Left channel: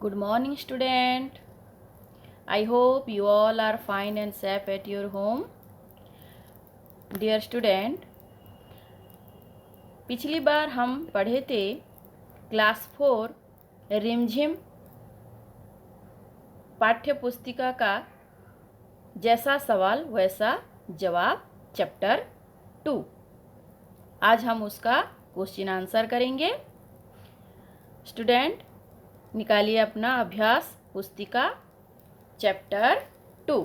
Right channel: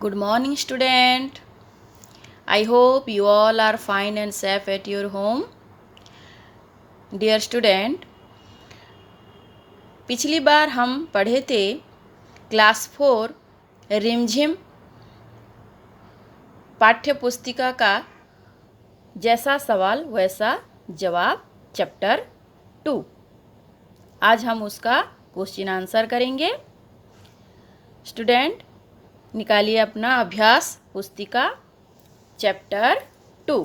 Good morning, student. I hope you all are fine and safe at your home. Dear student, पिछली बार हम पढ़े थे class 4 रिमझिम पाठ्य पुस्तिका का जैसा सवाल वैसा जवाब चैप्टर 2। आज हम उसका क्वेश्चन आंसर करेंगे। स्टूडेंट, निकालिए अपना अभ्यास पुस्तिका चैप्टर 2।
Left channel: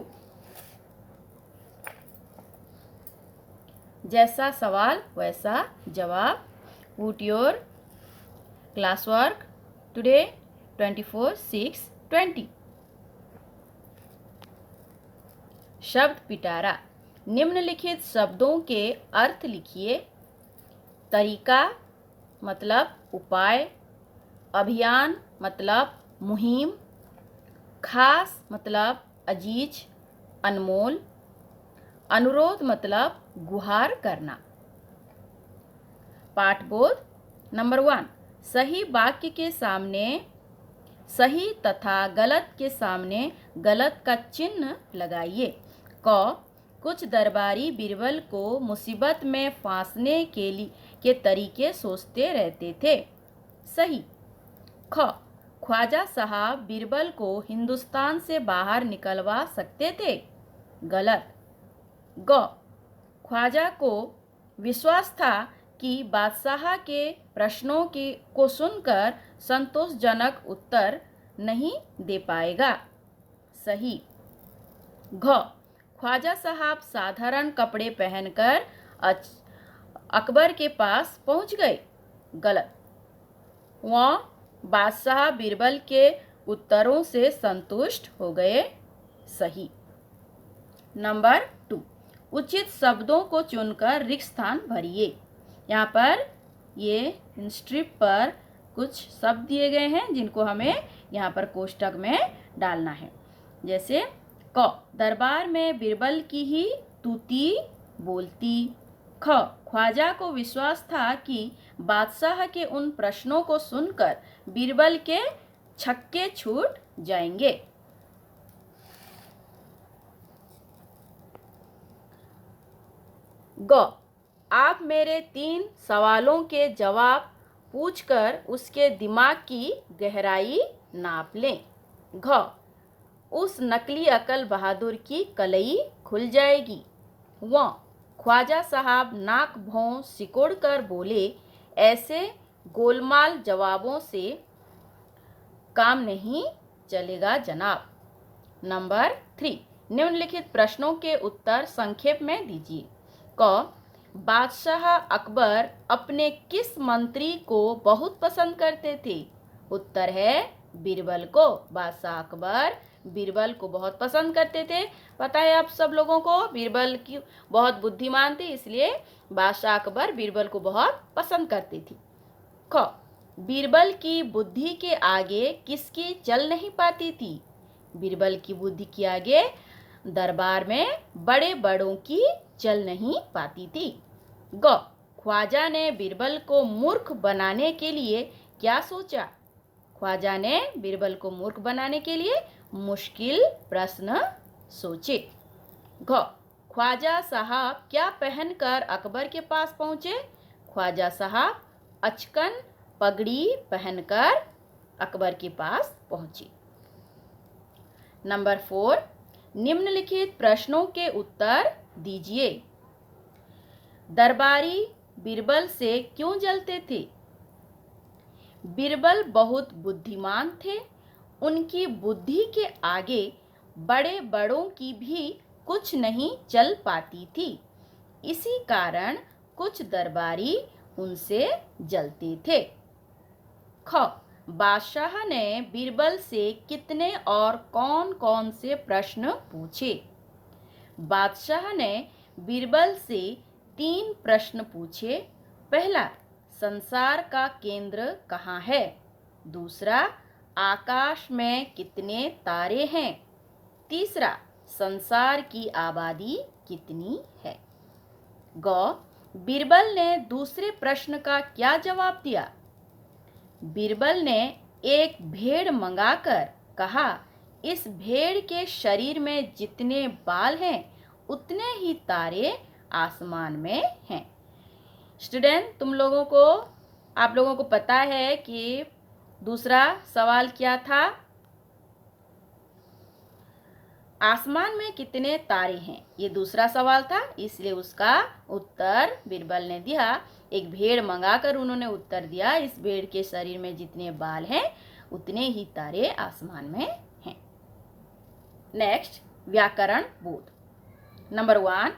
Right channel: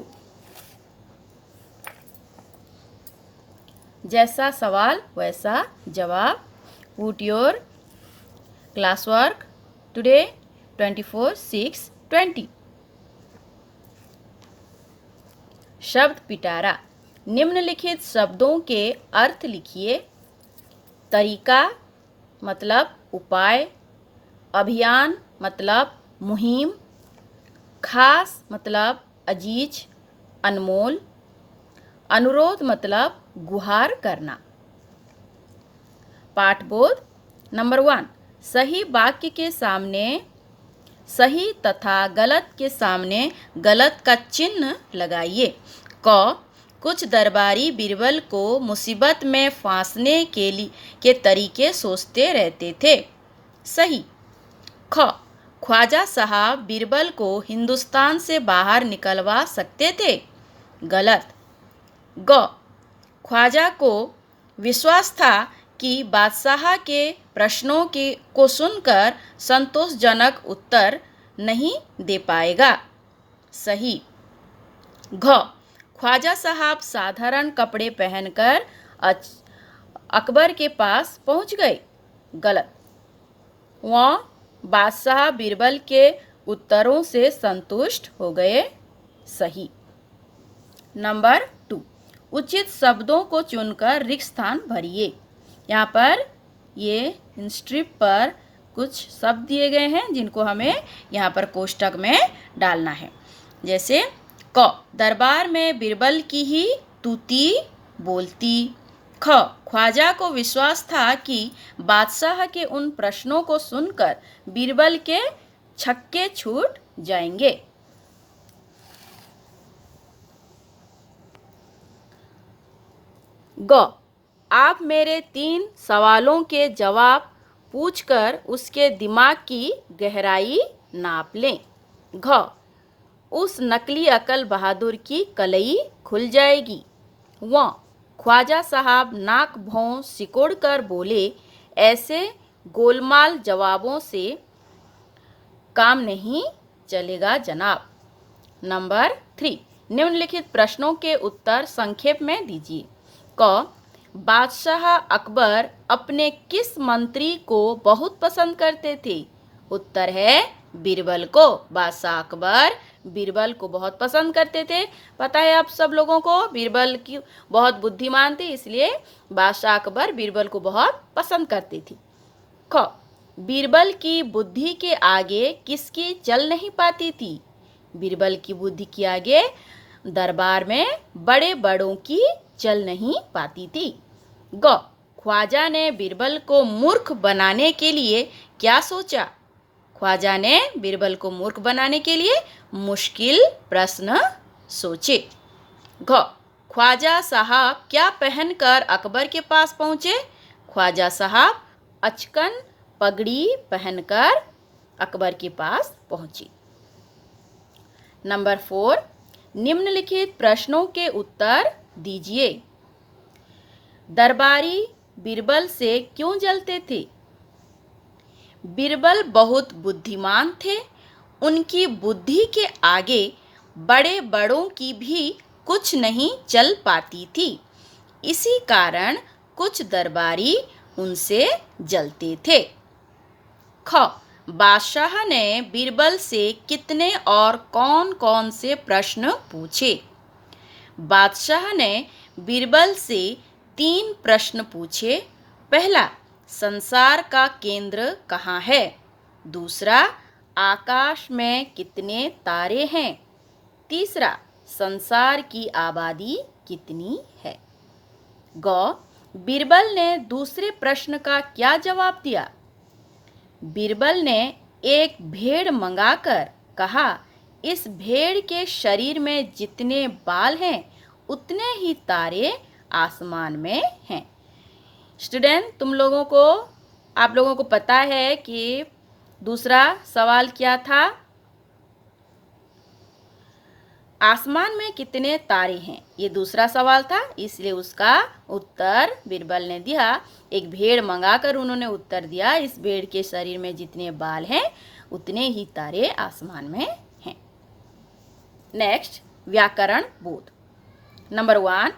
जैसा सवाल वैसा जवाब। Put your class work today 24/6/20। शब्द पिटारा। निम्नलिखित शब्दों के अर्थ लिखिए। तरीका मतलब उपाय, अभियान मतलब मुहिम, खास मतलब अजीज, अनमोल, अनुरोध मतलब गुहार करना। पाठबोध नंबर 1, सही वाक्य के सामने सही तथा गलत के सामने गलत का चिन्ह लगाइए। क, कुछ दरबारी बीरबल को मुसीबत में फांसने के तरीके सोचते रहते थे। सही। ख, ख्वाजा साहब बीरबल को हिंदुस्तान से बाहर निकलवा सकते थे। गलत। ग, ख्वाजा को विश्वास था कि बादशाह के प्रश्नों को सुनकर संतोषजनक उत्तर नहीं दे पाएगा। सही। घ, ख्वाजा साहब साधारण कपड़े पहनकर अकबर के पास पहुंच गए। गलत। वह बादशाह बीरबल के उत्तरों से संतुष्ट हो गए। सही। नंबर 2, उचित शब्दों को चुनकर रिक्त स्थान भरिए। यहाँ पर ये स्ट्रिप पर कुछ शब्द दिए गए हैं जिनको हमें यहाँ पर कोष्टक में डालना है। जैसे क, दरबार में बीरबल की ही तूती बोलती। ख, ख्वाजा को विश्वास था कि बादशाह के उन प्रश्नों को सुनकर बीरबल के छक्के छूट जाएंगे। ग, आप मेरे 3 सवालों के जवाब पूछकर उसके दिमाग की गहराई नाप लें। घ, उस नकली अकल बहादुर की कलई खुल जाएगी। व, ख्वाजा साहब नाक भौं सिकोड़ कर बोले, ऐसे गोलमाल जवाबों से काम नहीं चलेगा जनाब। नंबर 3, निम्नलिखित प्रश्नों के उत्तर संक्षेप में दीजिए। क, बादशाह अकबर अपने किस मंत्री को बहुत पसंद करते थे? उत्तर है बीरबल को। बादशाह अकबर बीरबल को बहुत पसंद करते थे। पता है आप सब लोगों को बीरबल की बहुत बुद्धिमान थे, इसलिए बादशाह अकबर बीरबल को बहुत पसंद करते थे। ख, बीरबल की बुद्धि के आगे किसकी चल नहीं पाती थी? बीरबल की बुद्धि के आगे दरबार में बड़े बड़ों की चल नहीं पाती थी। ग, ख्वाजा ने बीरबल को मूर्ख बनाने के लिए क्या सोचा? ख्वाजा ने बीरबल को मूर्ख बनाने के लिए मुश्किल प्रश्न सोचे। घ, ख्वाजा साहब क्या पहनकर अकबर के पास पहुंचे? ख्वाजा साहब अचकन पगड़ी पहनकर अकबर के पास पहुंचे। नंबर 4, निम्नलिखित प्रश्नों के उत्तर दीजिए। दरबारी बीरबल से क्यों जलते थे? बीरबल बहुत बुद्धिमान थे। उनकी बुद्धि के आगे बड़े बड़ों की भी कुछ नहीं चल पाती थी। इसी कारण कुछ दरबारी उनसे जलते थे। ख, बादशाह ने बीरबल से कितने और कौन कौन से प्रश्न पूछे? बादशाह ने बीरबल से 3 प्रश्न पूछे। पहला, संसार का केंद्र कहाँ है? दूसरा, आकाश में कितने तारे हैं? तीसरा, संसार की आबादी कितनी है? ग, बीरबल ने दूसरे प्रश्न का क्या जवाब दिया? बीरबल ने एक भेड़ मंगाकर कहा, इस भेड़ के शरीर में जितने बाल हैं उतने ही तारे आसमान में हैं। स्टूडेंट, आप लोगों को पता है कि दूसरा सवाल क्या था? आसमान में कितने तारे हैं, ये दूसरा सवाल था। इसलिए उसका उत्तर बीरबल ने दिया, एक भेड़ मंगाकर उन्होंने उत्तर दिया, इस भेड़ के शरीर में जितने बाल हैं उतने ही तारे आसमान में हैं। नेक्स्ट, व्याकरण बोध। नंबर 1,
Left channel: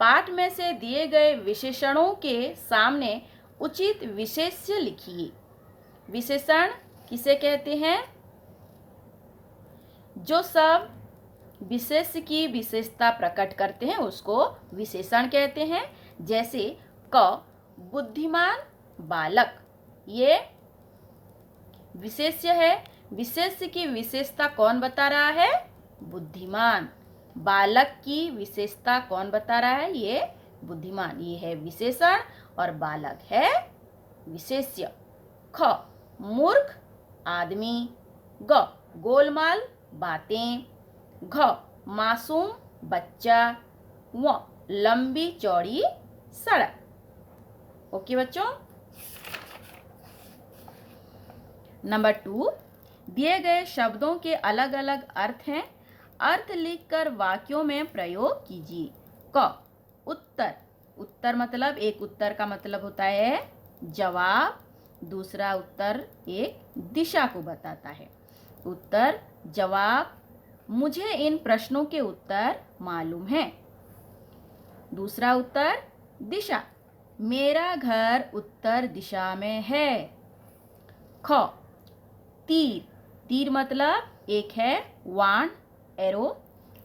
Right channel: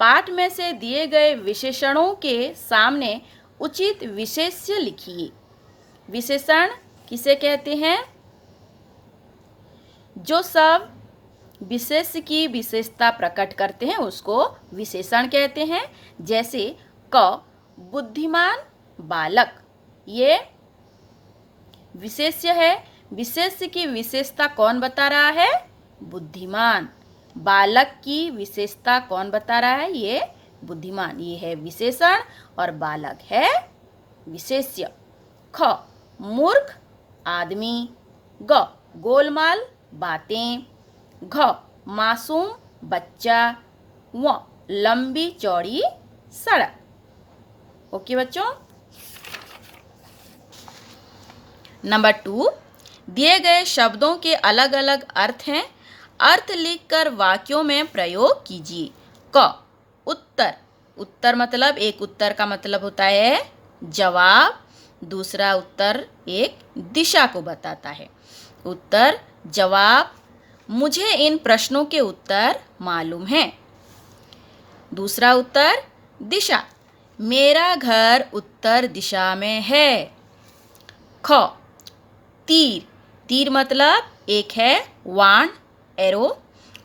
पाठ में से दिए गए विशेषणों के सामने उचित विशेष्य लिखिए। विशेषण किसे कहते हैं? जो सब विशेष की विशेषता प्रकट करते हैं उसको विशेषण कहते हैं। जैसे क, बुद्धिमान बालक, ये विशेष्य है। विशेष्य की विशेषता कौन बता रहा है? बुद्धिमान। बालक की विशेषता कौन बता रहा है? ये बुद्धिमान। ये है विशेषण और बालक है विशेष्य। ख, मूर्ख आदमी। ग, गोलमाल बातें। घ, मासूम बच्चा। व, लंबी चौड़ी सड़क। ओके बच्चों। नंबर 2, दिए गए शब्दों के अलग अलग अर्थ हैं, अर्थ लिखकर वाक्यों में प्रयोग कीजिए। क, उत्तर। उत्तर मतलब, एक उत्तर का मतलब होता है जवाब, दूसरा उत्तर एक दिशा को बताता है। उत्तर, जवाब, मुझे इन प्रश्नों के उत्तर मालूम हैं। दूसरा उत्तर, दिशा, मेरा घर उत्तर दिशा में है। ख, तीर। तीर मतलब एक है वाण, एरो,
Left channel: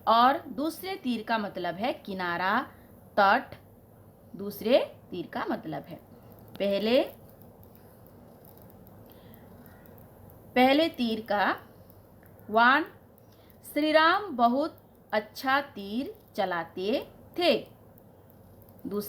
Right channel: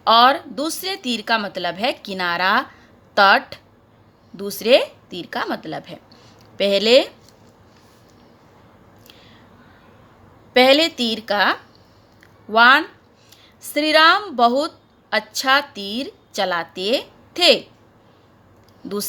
और दूसरे तीर का मतलब है किनारा, तट। दूसरे तीर का मतलब है पहले तीर का वाण, श्री राम बहुत अच्छा तीर चलाते थे। दूसरा